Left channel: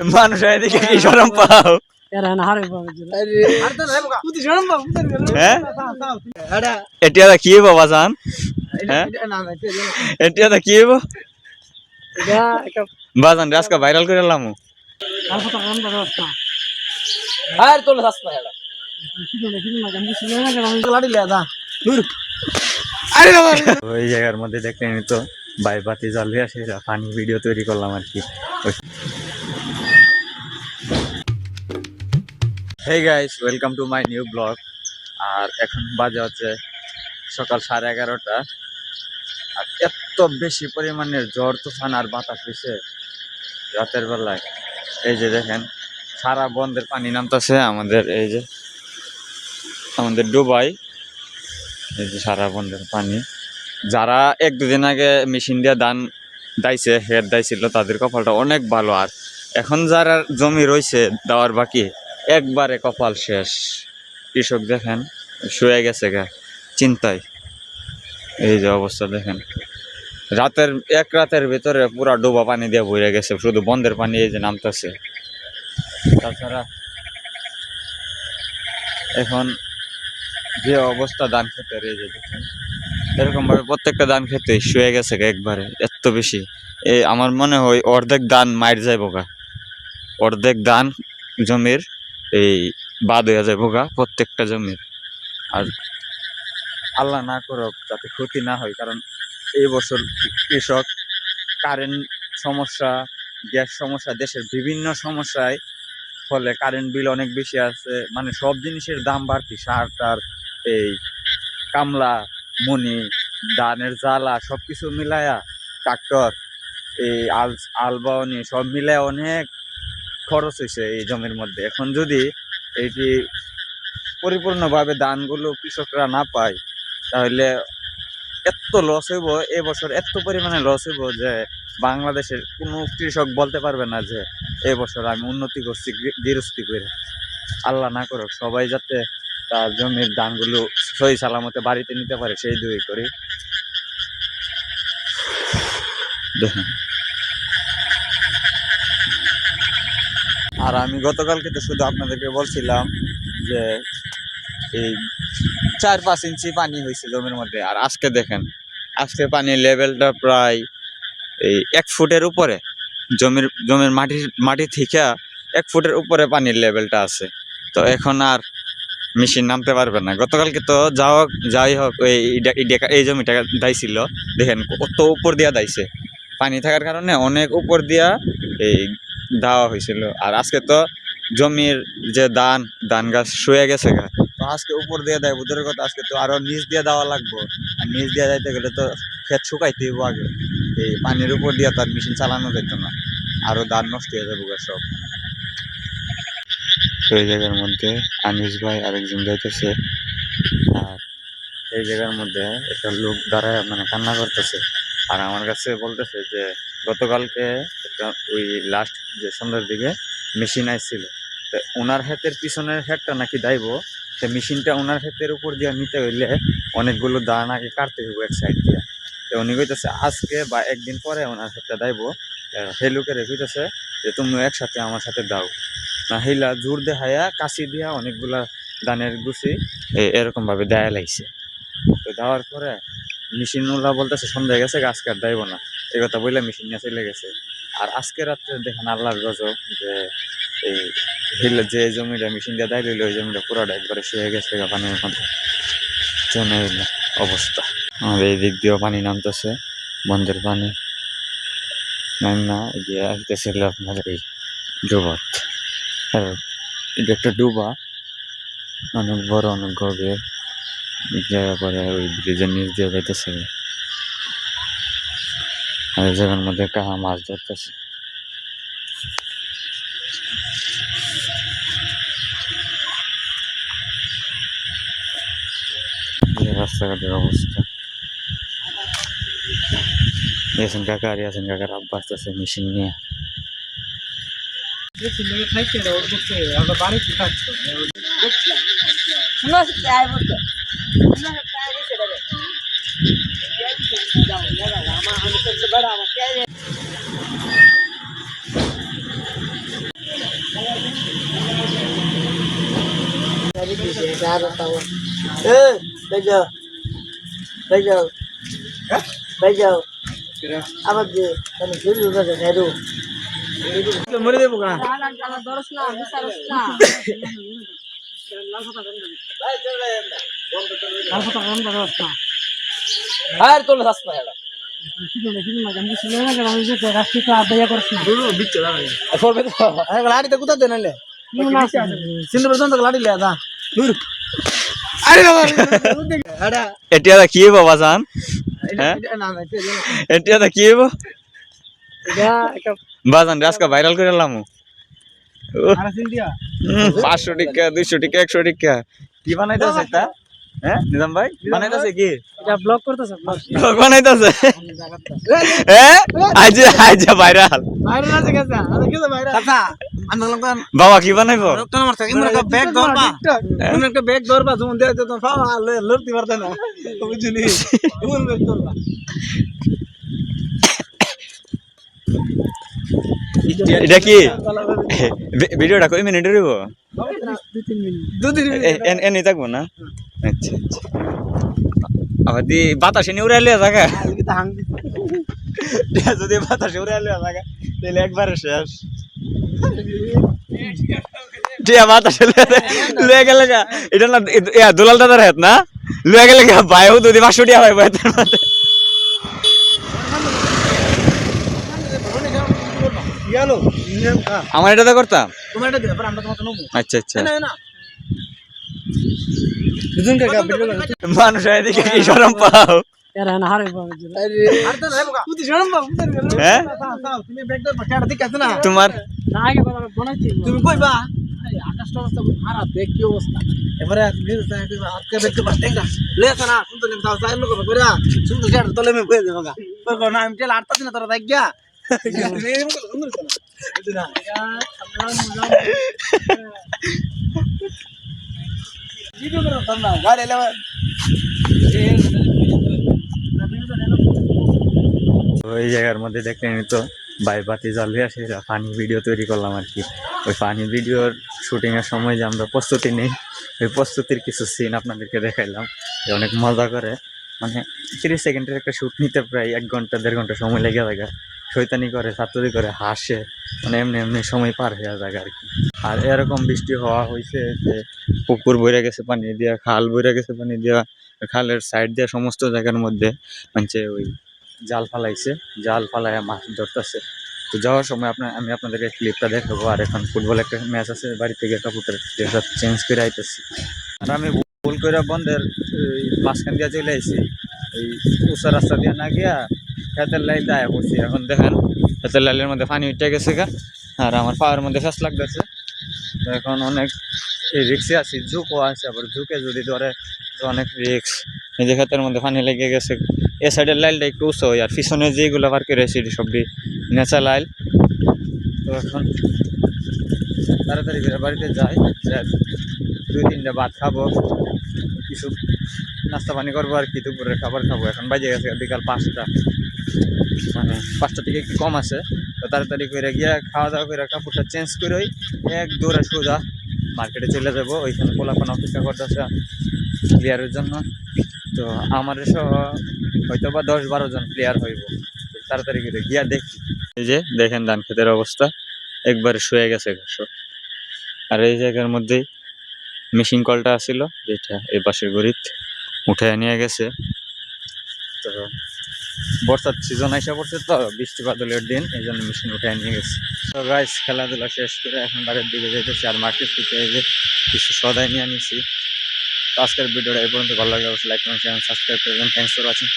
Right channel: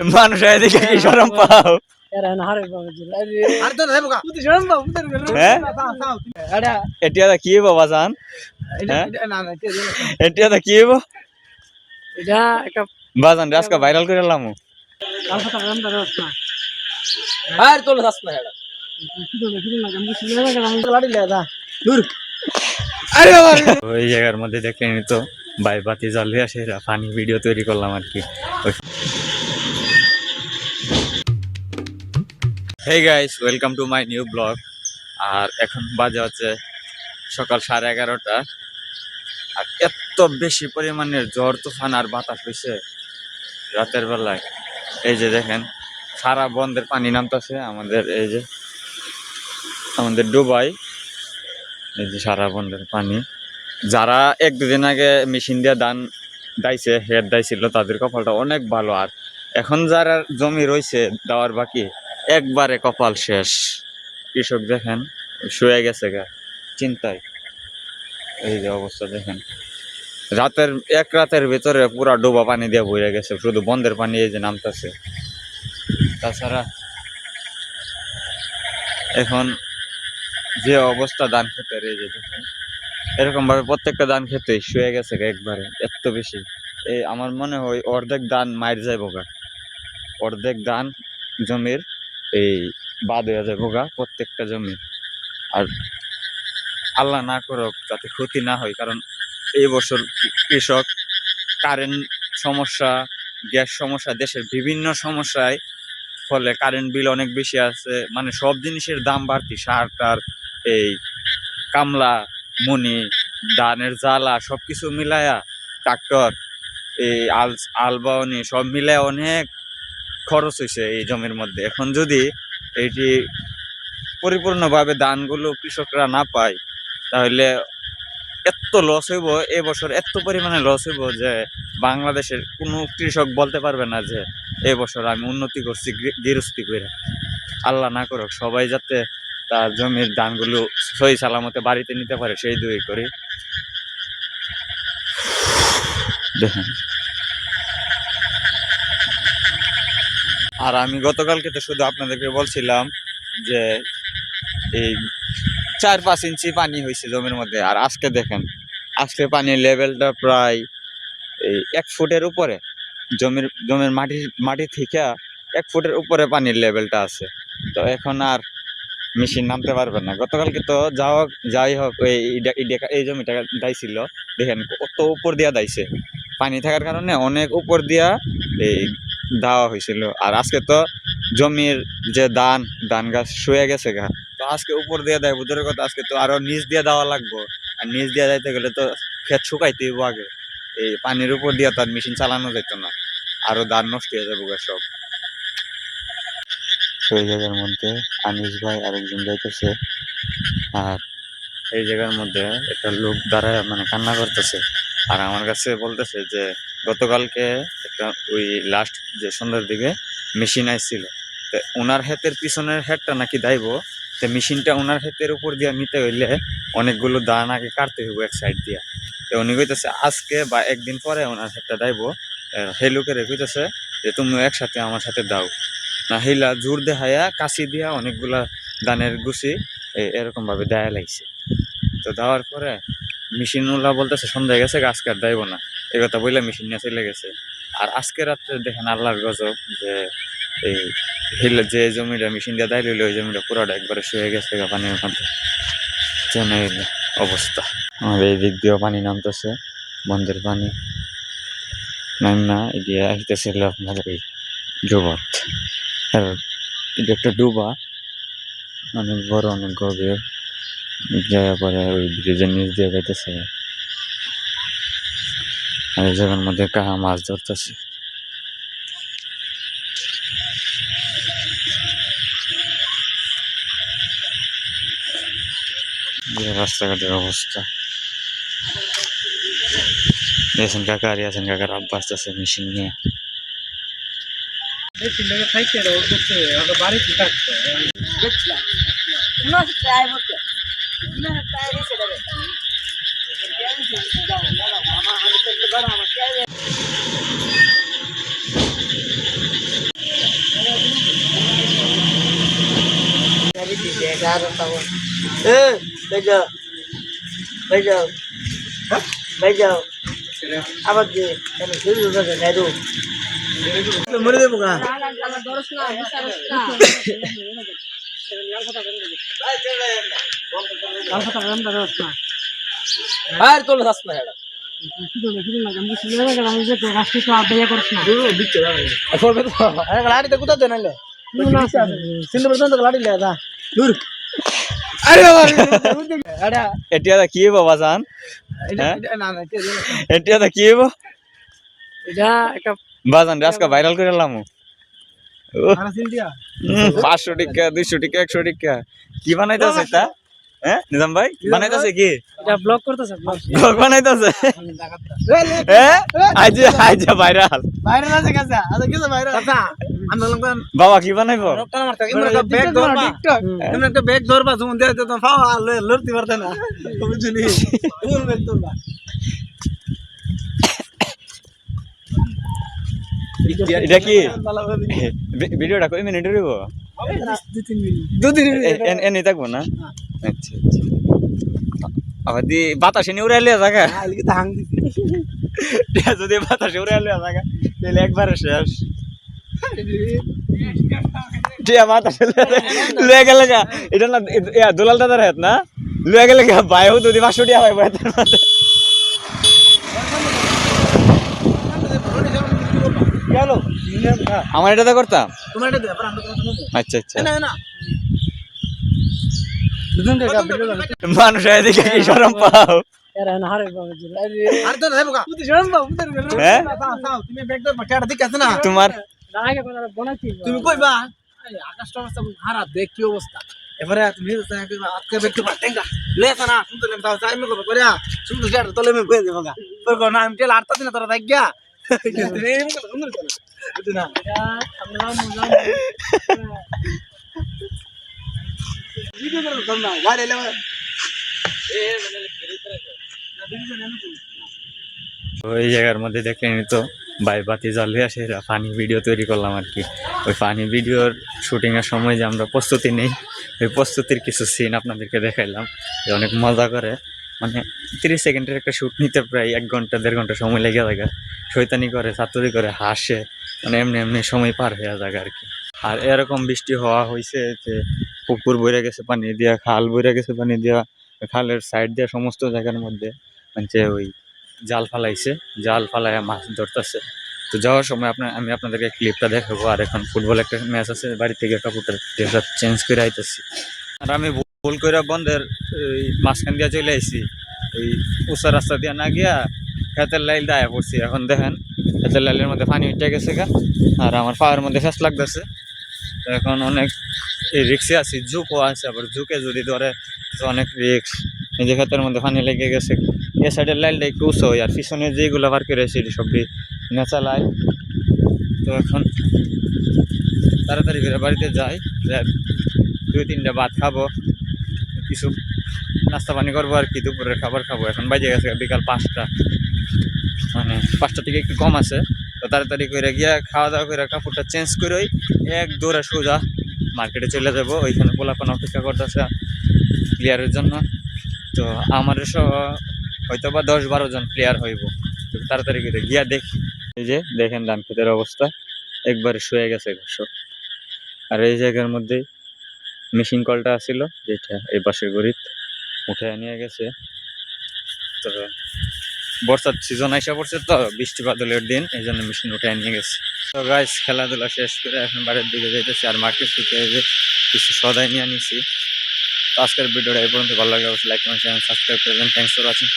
মানুষ এদিকে কি শরম পাও হ্যাঁ এটা কি বাবা জান এটা কি বাজান আজকে ভাইরাল করে এলাম ওই জায়গার মধ্যে দেখে নি তো বাই বাতি জ্বালিয়ে আসে ফানি ভিডিও তৈরি করলাম আর কি। Hey guys, welcome to my new blog. আর এখন বাজে হচ্ছে সকাল 11:30। আর এত বেশি পরিমাণের ঝড় তুফান আর বাতাস হয়েছে রাতের বেলায়। এই যে দেখেন সারা বন্ধের পানি নামতেছে আমাদের, এই যে আমাদের ডুবাই, এই যে সারা বন্ধের পানি। যারা 1-2 দিন আগে মেশিন দিয়ে ধান দাইছে, হেড দাইছিল, তাদের কপালটা অনেক ভালো। আর এখন যারা জমি রয়েছে দেওয়ার বাকি, একবারে কপাল শেষ। কৃষক দেখেন শুয়ে গেছে গা চিন্তায়। এই যে অবস্থা দেখেন, এক রাতের ভিতরে পুরা ডোবা পানি দিয়ে ভরে গেছে, শুধু বন্ধের পানি এই যে নামতেছে। তাছাড়া এখন যে অবস্থা ধান খেতের, এই যে দেখেন এরকম ভাবে প্রত্যেকটা ধান খেতে শুয়ে গেছে একবারে, এত বেশি। এই আমার মনে হয় অর্ধেক ধান মাইর যাইব গা, অর্ধেক ধান জমির এই বাদ হয়ে যাইব গা প্রত্যেকটা জমির। আর আল্লাহ না করুক যাতে ক্ষতি না হয়, কারণ এই বছর কৃষক কারেন্ট সমস্যা, গ্যাস সমস্যা, দেশের বিভিন্ন সমস্যায় ফলে কারেন্ট বিল অনেক বেশি আছে। মানে সব জিনিসের দাম বাড়তি, সার টার, এই কামলা মনি, ধানের জ্বালা, সব কিছু মিলায়া, ট্রাক্টর, এই আলবাওনি সব মিলায় অনেক খরচ হয়েছে এই জমির মধ্যে। এখন যদি এইটি পরিপূর্ণভাবে ধানগুলো কৃষকরা না পায়, তাহলে এত লস হইব এবছর, এত পরিমাণে লস হইব যে বাংলাদেশের কোনো কৃষক বলতে পারবে না যে এবছর আমি উন্নতি করছি গৃহস্থী করে। আল্লাহ না করুক, সবাই যাতে তার জমির ধানগুলো সহি সালামতে বাড়িতে নিতে পারে, সেই দুই করি। দেখেন, আর আমি গতকালকে তো শুধু আপনাদেরকে বলছিলাম যে এই 4-5 ইঞ্চি পানি হয়েছে জমির মধ্যে। আর আজকে দেখেন, আজকে পানির লেভেলটা প্রায় এই 1 ফুটের উপরে। জমির মাটি থেকে 1 ফুটের উপরে পানির লেভেলটা আছে। তো এখন আর মেশিন নামতে পারবে না। গতকালকে তো যাই হোক এই জমিটা দাইছিল, দেখেন কত উপর দিয়া দাইছে, পানি থাকার কারণে অনেক উপর দিয়া এই দেওয়া হয়েছিল। আর আজকে তো জমির যে ধান গাছ শুয়ে গেছে গা, তো আজকে উপর দিয়ে দেয় বুধের কথা, আজকে তো আরো নিচ দিয়ে দেওয়া লাগবো। আর নিচ দিয়ে যাইতে গেলে তো ক্ষেত শুকাইতে হইব আগে, এই পানির উপর দিয়ে তার মেশিন চালানো যেত না, আরো ধান নষ্ট হয়ে যাবো সব। সেই জায়গার মধ্যে আনিস ভাই আরেকজন যাইতেছে, আর এই জায়গার মধ্যে একটা লোক দাঁড়ায় মানে কান্না করতেছে। আর আমার কাছে বলতেছে যে গতকালকে একটা ওই লাস্ট যে সন্ধ্যার দিকে মেশিন আইছিল, তো ওনার হাতের পিছনের হেডটা নাকি দাইব, তো মেশিনটা ওনার হাতের উপর দিয়ে নিতে হইলে অনেকগুলো দান আগে কাটতে হইব এক সাইড দিয়া। তো উনি কইতেছে আজকে বা একদিন পরে ওনার হাতটা দাইব। হে লোকের কইতেছে যে তুমি একসাথে আমার সাথে দাও না, হিলা জোর দেখাইয়া কাশি দিয়া অনেকগুলা দানের গুছি এরকম ভাবে দেয়া লাগছে। তো দেওয়ার পরে মেশিনওয়ালা বলতেছে সন্ধ্যা গেছে, আজকে আর দেব না, এই কথা বললে মেশিন নিয়ে চলে গেছে। আর আজকে রাত্রে দেখেন আল্লাহর গজব, যে এই হিলা যে জমিটা মেশিন দিয়ে দেয় লইলে ওই জমিটা পুরোটা একবারে শুয়ে গেছে পানির মধ্যে। চেনে অবস্থা। আমাদের এই দিক দিয়েও পানি নামতেছে, বন্ধের পানি না এগিয়ে আসতেছিল আপনাদের এই ডুবাত। এটা একটা ডুবা, অনেক বড়, অনেক গভীর জায়গা পরে ওই ব্রিজের নিচ দিয়ে যাইতেছে। আর এই জায়গার মধ্যে কাহা মাছ ধরতেছে। রাস্তাঘাটের অবস্থা। ইয়াসিন কাকা আর ইয়াসিন কাকার আব্বা আসতেছে মেশিন নিয়ে। আবার যে মরে দেবো না আর তোর যাস না এটা এতিয়া কি হব বাজান এতিয়া কি হব বাজান আজকে ভাইরাল করে এলাম 500 টাকা 200 টাকা 100 টাকা কি বানাইতেছে এটা হ্যাঁ নিজাম ভাই বানাইতেছে কি এটা ব্লগ করতেছে ব্লগ বানাইতেছে হ্যাঁ আজ আজ ভাইরাল ভাইরাল আছে কাছে আচ্ছা কি ভাইরাল কাকা আমরা লোকজন বাবা কি বানাইবো ডক্টর আমার থেকে ব্যাগ ধরবা তুমি একটা ব্যাগ ধরবা তুমি দে তো পাওয়া লড়তে পারতে না বুঝলি কোন ব্যাগ ধরবা এটা কি ভিডিওটা কই মিনিটের হইব 2-3 মিনিট এনে থাকবো না আচ্ছা আচ্ছা আবার দি বাতাসে নিয়ে উড়াইলে জায়গা আলকে তো হাং দিছি যদি বাতাসে উড়াইলে জায়গা তাহলে একবারে শেষ টিয়া বাতাসে লয়ে গেলে গা এটা না দুলাল দাদার হাত না লয়ে গেলে গা ভাইও যদি 500 টাকা ভাই ভাইতের মাঝে আমার এটা করতাম তোমার এটা দিবা আমরা তোমার নেবো আচ্ছা আচ্ছা না না দুজন কে মানুষ এদিকে কি শরম পাও এরা না হারে বাবা জি আরে তো রে বাবা তুই শরম বাবা উঠে গেল হ্যাঁ তুমি ব্যাগ ধর বাকাটা ঠিক আছে না তোমার না আগে বানাইছি তুমি কইবা আকাশটা অবস্থা খারাপ দেখ কি অবস্থা এবারে তুমি আজকে ব্যাগ তো বাটেঙ্গা লেছ না সুন্দর নেম তাও টাইম করব করে সুন্দর জার তলে মে কই দেব গা তোর কোন নাম তেল আটতা দিন তোরা দেখ গিয়া তুমি এরকম করে সুন্দর না বুঝছ না আমরা মুজাম ভিডিও করো তোমরা গাড়ি এলে ওই জায়গার মধ্যে দেখলেনি তো বাই বাতি জ্বালিয়ে আসে ফানি ভিডিও তৈরি করলাম আর কি ওই ফানি ভিডিওর শুটিংয়ের সময় যে আমরা প্রস্তুতি নেই ওই প্রস্তুতির কিছু সিন আপনাদেরকে দেখাইলাম যে অনেক মজা করে মানে 30 সেকেন্ডের একটা শ্যুট নিতে প্রায় 1 ঘন্টা 1.5 ঘন্টা সময় লেগে যায় শয়তানি করে ছাত্রী করে হাসে মানে এমনি এমনি সময় পার হয়ে যায় আর কি আর এরকম বৃষ্টি হওয়া হয়েছে যে পুকুর বইরে গেছে পানি দিয়া খাল বইরে গেছে পানি দিয়া খালের সাইড দিয়া সমস্ত জায়গার মধ্যে মানে ওই জাল ফালাইছে জাল ফালায় মাছ ধরতেছে তো যাওয়ার সময় আমি আপনাদেরকে ক্লিপটা দেখাবো আর এখন ফুটবল একটা ম্যাচ আছে বাড়ি থেকে কাপড়টা ড্রেস চেঞ্জ করে আইতেছি আর আমি ভুল করে বন্ধের মাঝখান দিয়ে চলে আইছি ওই উঁচা রাস্তা দিয়ে না গিয়া খেতের লাইল দায়া পড়ছি এখন দেখেন খেতের লাইলের মধ্যে পানি উঠে গেছে গা আর আমার পায়ের মধ্যে ফ্যাস লাগতেছে তো এখন অনেক রিক্সে আছি ঝুঁকও আছে আবার ঝুঁকে যদি ধরে তো অনেক রিক্স এই যে ক্ষেতের মধ্যে পানি লেগে গেছে এ সাইডের লাইলটা একটু উঁচু হয় আর পিছনে যেগুলো বার করে এসে সবটি নেচা লাইল তো এখন তাড়াতাড়ি করে বাড়িতে যাই 2-3টা ভাত খাবো কিছু নাস্তা পানি করবো আর কি দুপুরের খাবার খাবো এখন বাজে গেছে বিকাল 5টা মানে 5টা থেকে একটু কম আছে তো তাড়াতাড়ি করে গিয়া খাওয়া দাওয়া করে কাপড়টা চেঞ্জ করে এক দৌড়ে সোজা মার্কেটে চলে যাবো ওইখানে পোলাপান অপেক্ষা করতেছে প্লেয়ারের জন্য তো আমার হয়তো বা 10-12 জন প্লেয়ার হইব তাড়াতাড়ি করে গিয়া দেখি এই যে দেখেন ধান ক্ষেতের অবস্থা একবারে শুয়ে গেছে ঘাসও আর এই জায়গার মধ্যেই মেশিন কলটা আসছিল যেটা এই পাশের গড়িত উঠে নিয়ে গেছে তো বর্ষার সিজন আইসা পড়ছে তো বৃষ্টি বাদলের দিন এই জন্য মেশিন উঠে নিয়ে গেছে তো গাইস খেলাধুলা শেষ করে এখন বাড়ির দিকে যাইতেছি আর মার্কেট থেকে এই যে কিছু সদাই নিয়ে নিছি তো আজকের ভিডিওটা এই পর্যন্ত ভালো লাগলে অবশ্যই লাইক কমেন্ট শেয়ার সাবস্ক্রাইব করবেন থ্যাংকস ফর ওয়াচিং